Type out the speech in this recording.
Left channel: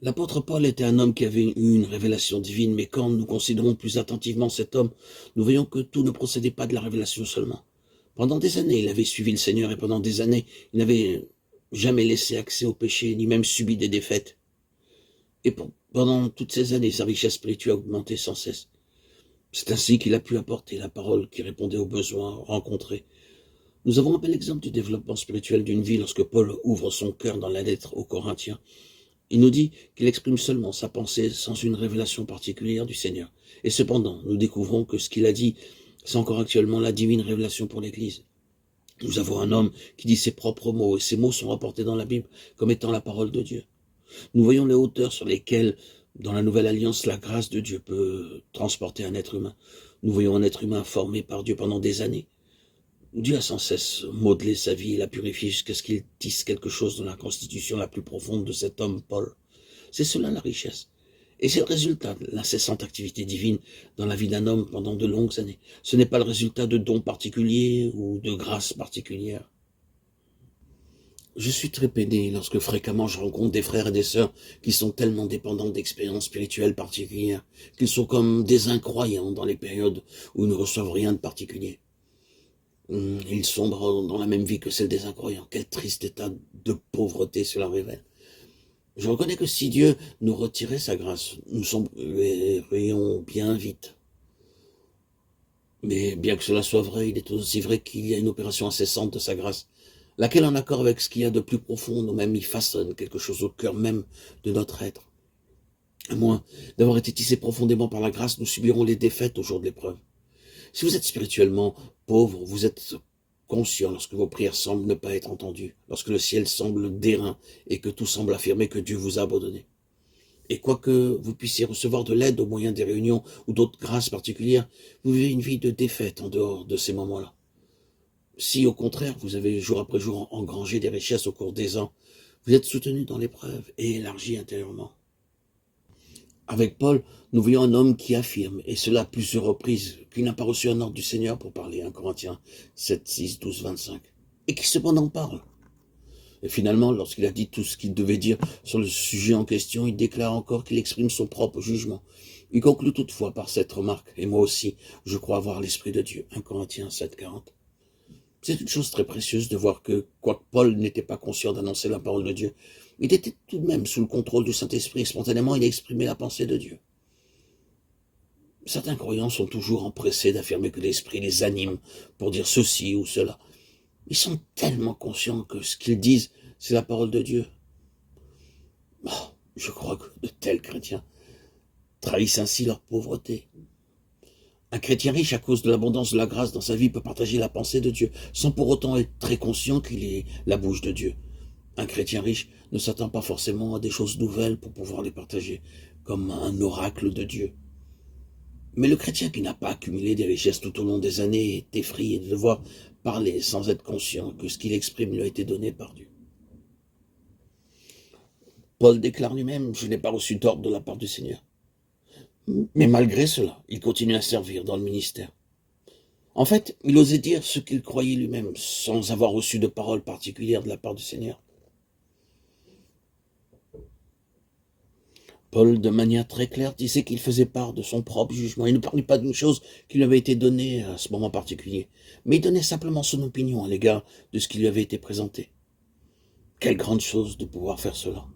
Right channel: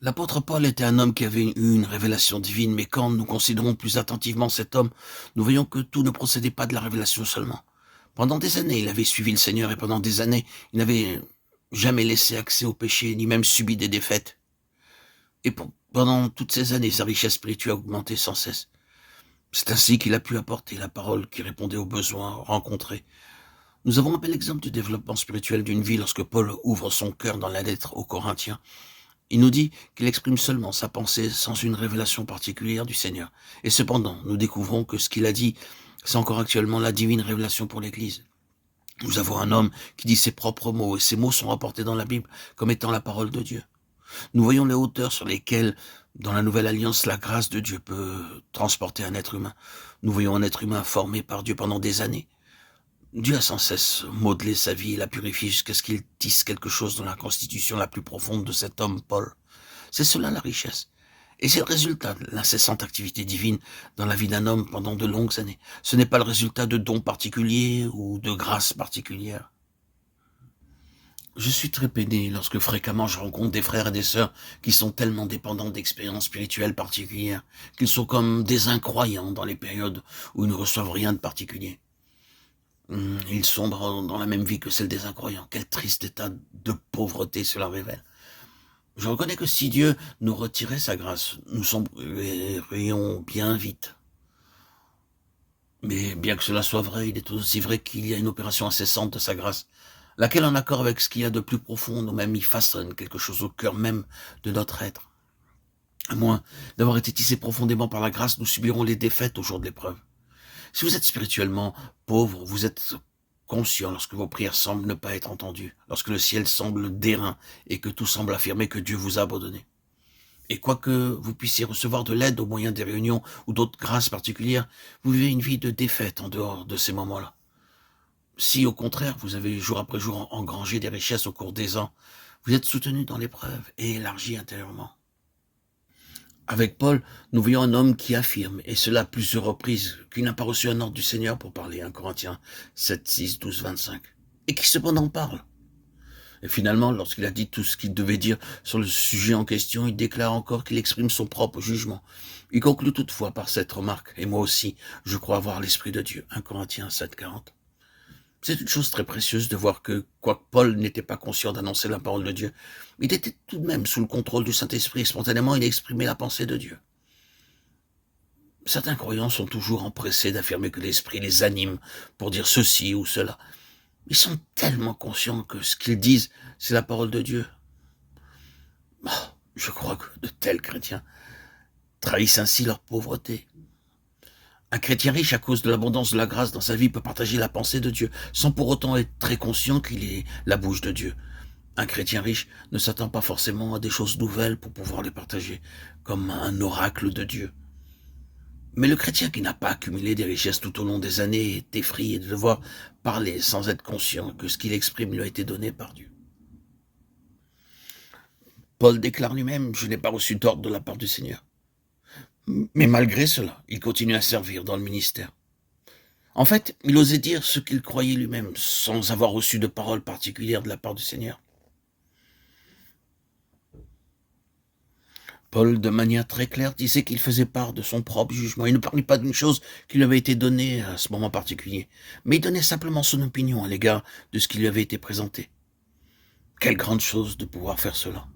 L'apôtre Paul était un homme qui avait eu une révélation divine, mais quand nous considérons plus attentivement cet homme, nous voyons que tout ne procédait pas de la révélation seulement. Pendant des années, il avait suivi le Seigneur et pendant des années, il n'avait jamais laissé accès au péché, ni même subi des défaites. Et pendant toutes ces années, sa richesse spirituelle a augmenté sans cesse. C'est ainsi qu'il a pu apporter la parole qui répondait aux besoins rencontrés. Nous avons un bel exemple du développement spirituel d'une vie lorsque Paul ouvre son cœur dans la lettre aux Corinthiens. Il nous dit qu'il exprime seulement sa pensée sans une révélation particulière du Seigneur. Et cependant, nous découvrons que ce qu'il a dit, c'est encore actuellement la divine révélation pour l'Église. Nous avons un homme qui dit ses propres mots, et ces mots sont rapportés dans la Bible comme étant la parole de Dieu. Nous voyons les hauteurs sur lesquelles, dans la Nouvelle Alliance, la grâce de Dieu peut transporter un être humain. Nous voyons un être humain formé par Dieu pendant des années. Dieu a sans cesse modelé sa vie et l'a purifié jusqu'à ce qu'il tisse quelque chose dans la constitution la plus profonde de cet homme, Paul. C'est cela la richesse. Et c'est le résultat de l'incessante activité divine dans la vie d'un homme pendant de longues années. Ce n'est pas le résultat de dons particuliers ou de grâces particulières. Je suis très peiné lorsque fréquemment je rencontre des frères et des sœurs qui sont tellement dépendants d'expériences spirituelles particulières qu'ils sont comme des incroyants dans les périodes où ils ne reçoivent rien de particulier. Ils sombrent dans la même vie que celle des incroyants. Quel triste état de pauvreté cela révèle. Je reconnais que si Dieu nous retirait sa grâce, nous sombrerions bien vite. Mais bien que cela soit vrai, il est aussi vrai qu'il y a une opération incessante de sa grâce, laquelle, en accord avec ce qu'il y a de plus profond, nous-mêmes y façonne quelque chose au cœur même de notre être. À moins d'avoir été tissés profondément par la grâce, nous subirons les défaites au jour de l'épreuve. Si vous êtes spirituellement pauvre, vous êtes conscient lorsque vos prières semblent ne pas être entendues, lorsque le ciel semble d'airain et que tout semble affirmer que Dieu vous a abandonné. Et quoique vous puissiez recevoir de l'aide au moyen des réunions ou d'autres grâces particulières, vous vivez une vie de défaite en dehors de ces moments-là. Si au contraire, vous avez jour après jour engrangé des richesses au cours des ans, vous êtes soutenu dans l'épreuve et élargi intérieurement. Avec Paul, nous voyons un homme qui affirme, et cela à plusieurs reprises, qu'il n'a pas reçu un ordre du Seigneur pour parler, 1 Corinthiens 7, 6, 12, 25, et qui cependant parle. Et finalement, lorsqu'il a dit tout ce qu'il devait dire sur le sujet en question, il déclare encore qu'il exprime son propre jugement. Il conclut toutefois par cette remarque, et moi aussi, je crois avoir l'Esprit de Dieu, 1 Corinthiens 7, 40. C'est une chose très précieuse de voir que, quoique Paul n'était pas conscient d'annoncer la parole de Dieu, il était tout de même sous le contrôle du Saint-Esprit et spontanément il exprimait la pensée de Dieu. Certains croyants sont toujours empressés d'affirmer que l'Esprit les anime pour dire ceci ou cela. Ils sont tellement conscients que ce qu'ils disent, c'est la parole de Dieu. Je crois que de tels chrétiens trahissent ainsi leur pauvreté. Un chrétien riche, à cause de l'abondance de la grâce dans sa vie, peut partager la pensée de Dieu, sans pour autant être très conscient qu'il est la bouche de Dieu. Un chrétien riche ne s'attend pas forcément à des choses nouvelles pour pouvoir les partager, comme un oracle de Dieu. Mais le chrétien qui n'a pas accumulé des richesses tout au long des années est effrayé de devoir parler sans être conscient que ce qu'il exprime lui a été donné par Dieu. Paul déclare lui-même « Je n'ai pas reçu d'ordre de la part du Seigneur ». Mais malgré cela, il continue à servir dans le ministère. En fait, il osait dire ce qu'il croyait lui-même, sans avoir reçu de parole particulière de la part du Seigneur. Paul, de manière très claire, disait qu'il faisait part de son propre jugement. Il ne parlait pas d'une chose qui lui avait été donnée à ce moment particulier, mais il donnait simplement son opinion à l'égard de ce qui lui avait été présenté. Quelle grande chose de pouvoir faire cela.